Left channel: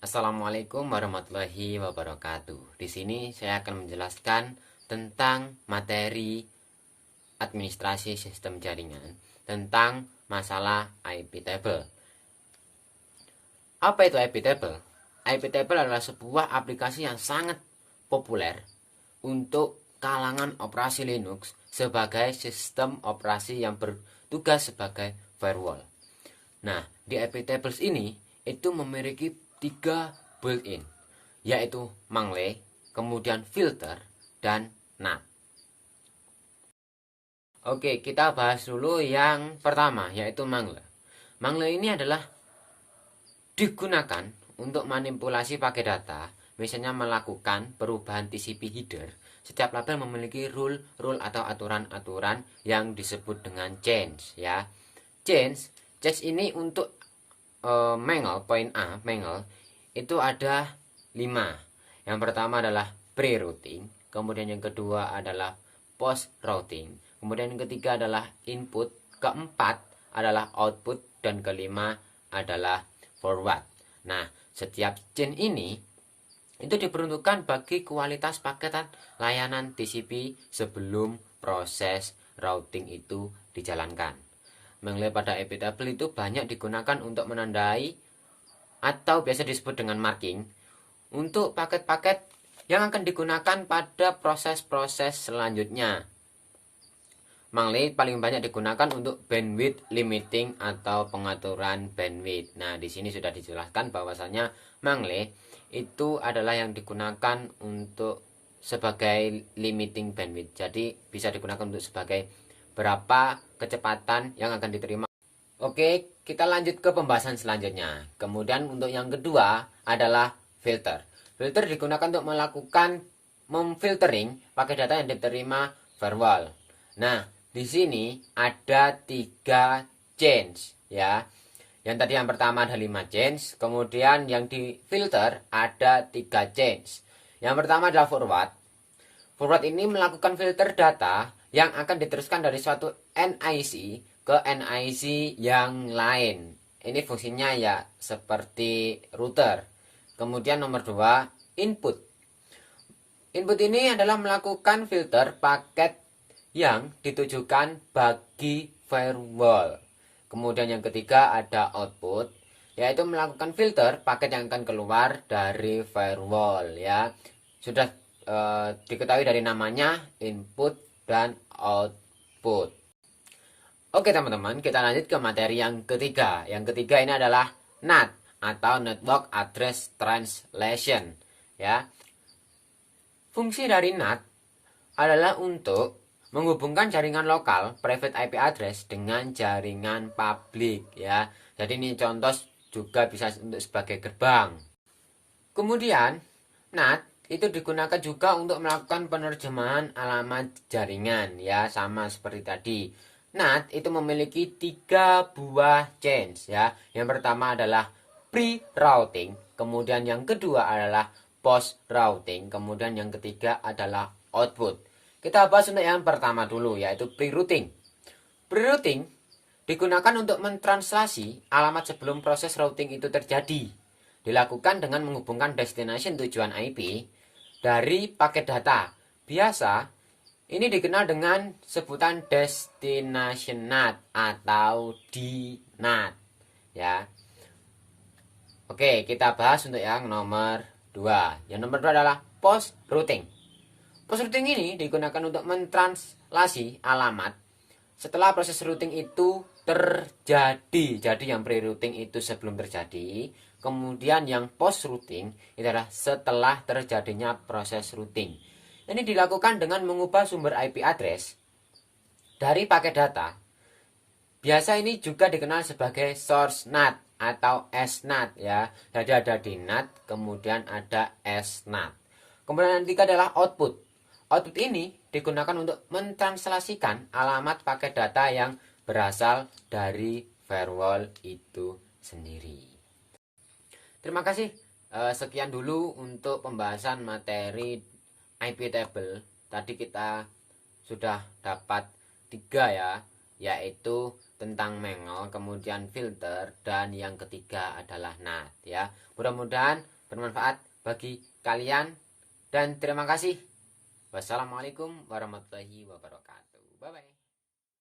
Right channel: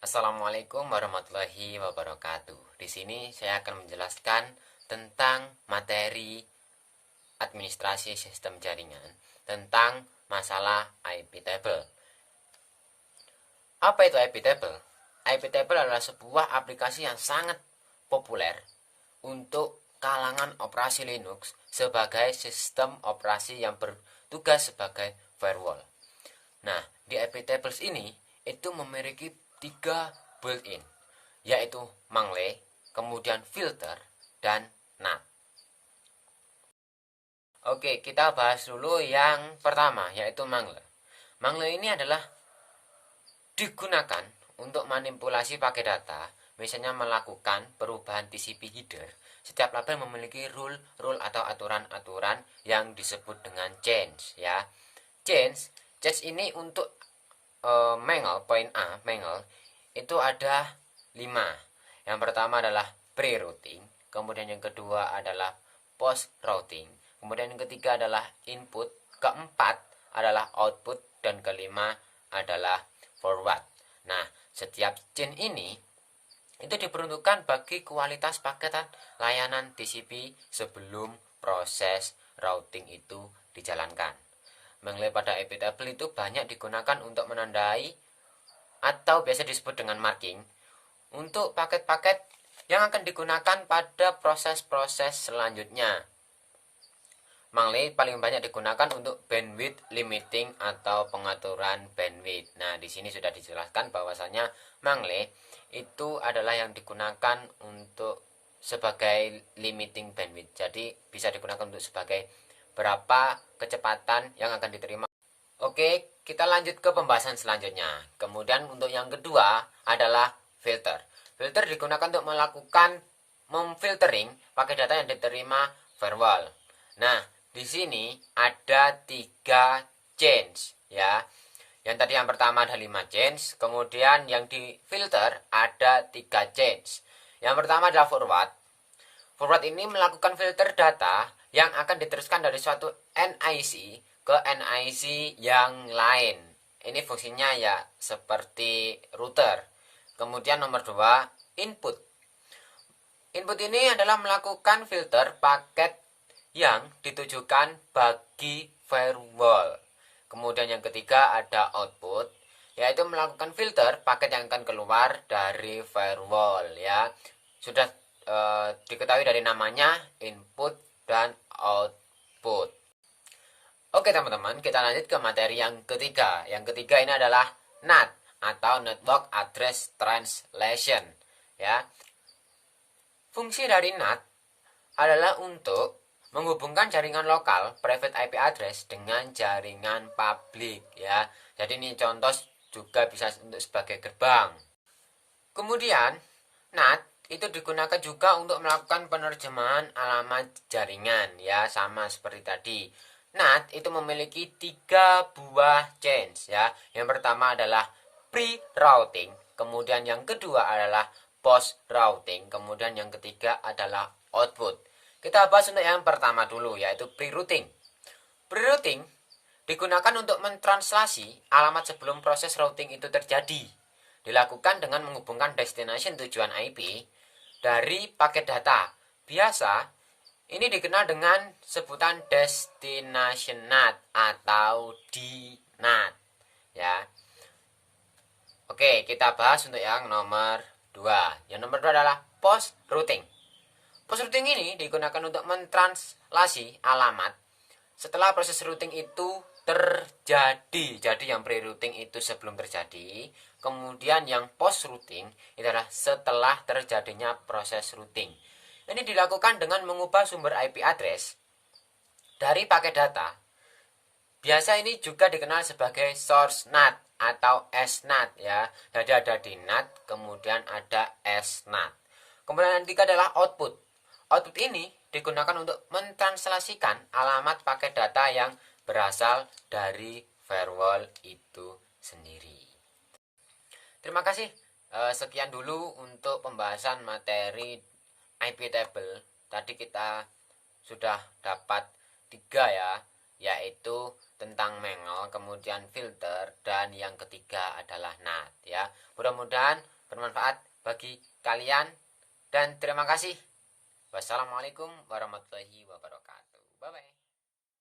Assalamualaikum warahmatullahi wabarakatuh. Di sini saya akan menjelaskan tentang materi administrasi sistem jaringan tentang masalah IP table. Apa itu IP table? IP table adalah sebuah aplikasi yang sangat populer untuk kalangan operasi Linux sebagai sistem operasi yang bertugas sebagai firewall. Nah, di IP tables ini itu memiliki 3 built-in, yaitu Mangle, kemudian filter, dan NAT. Oke, kita bahas dulu yang pertama, yaitu Mangle. Mangle ini adalah digunakan untuk manipulasi paket data, misalnya melakukan perubahan TCP header. Setiap label memiliki rule atau aturan-aturan yang disebut dengan change, ya. Change ini untuk Mangle, poin A, Mangle itu ada 5. Yang pertama adalah pre-routing, kemudian yang kedua adalah post-routing, kemudian yang ketiga adalah input, keempat adalah output, dan kelima adalah forward. Nah, setiap chain ini itu diperuntukkan bagi kualitas paketan layanan TCP sebelum proses routing itu dijalankan. Mangle pada IP table itu banyak digunakan untuk menandai atau biasa disebut dengan marking untuk paket-paket yang akan digunakan pada proses-proses selanjutnya. Mangle paling banyak digunakan untuk bandwidth limiting atau pengaturan bandwidth. Nah, di sini sudah dijelaskan bahwasanya Mangle itu adalah yang digunakan untuk sebagai limiting bandwidth. Jadi bisa digunakan untuk sebagai berapa kecepatan yang akan diterima. Oke, kita lanjut ke pembahasan selanjutnya. Kemudian untuk yang kedua adalah filter. Filter digunakan untuk melakukan memfiltering paket data yang diterima firewall. Nah, di sini ada 3 chains, ya. Yang tadi yang pertama ada 5 chains, kemudian yang di filter ada 3 chains. Yang pertama adalah forward. Forward ini melakukan filter data yang akan diteruskan dari suatu NIC ke NIC yang lain. Ini fungsinya ya seperti router. Kemudian nomor 2, input. Input ini adalah melakukan filter paket yang ditujukan bagi firewall. Kemudian yang ketiga ada output, yaitu melakukan filter paket yang akan keluar dari firewall, ya. Sudah diketahui dari namanya, input dan output. Oke teman-teman, kita lanjut ke materi yang ketiga. Yang ketiga ini adalah NAT atau Network Address Translation, ya. Fungsi dari NAT adalah untuk menghubungkan jaringan lokal private IP address dengan jaringan publik, ya. Jadi ini contoh juga bisa untuk sebagai gerbang. Kemudian NAT itu digunakan juga untuk melakukan penerjemahan alamat jaringan, ya, sama seperti tadi. NAT itu memiliki 3 buah chains, ya. Yang pertama adalah pre-routing, kemudian yang kedua adalah post-routing, kemudian yang ketiga adalah output. Kita bahas untuk yang pertama dulu, yaitu pre-routing. Pre-routing digunakan untuk mentranslasi alamat sebelum proses routing itu terjadi. Dilakukan dengan menghubungkan destination tujuan IP dari paket data. Biasa ini dikenal dengan sebutan destination NAT atau DNAT, ya. Oke, kita bahas untuk yang nomor 2. Yang nomor 2 adalah post routing. Post routing ini digunakan untuk mentranslasi alamat setelah proses routing itu terjadi. Jadi yang pre-routing itu sebelum terjadi, kemudian yang post-routing itu adalah setelah terjadinya proses routing. Ini dilakukan dengan mengubah sumber IP address dari paket data. Biasa ini juga dikenal sebagai source NAT atau SNAT, ya. Jadi ada DNAT, kemudian ada SNAT. Kemudian yang ketiga adalah output. Output ini digunakan untuk mentranslasikan alamat paket data yang berasal dari firewall itu sendiri. Terima kasih. Sekian dulu untuk pembahasan materi IP table. Tadi kita sudah dapat 3, ya, yaitu tentang Mengle, kemudian filter, dan yang ketiga adalah NAT ya. Mudah-mudahan bermanfaat bagi kalian dan terima kasih. Wassalamualaikum warahmatullahi wabarakatuh. Bye bye.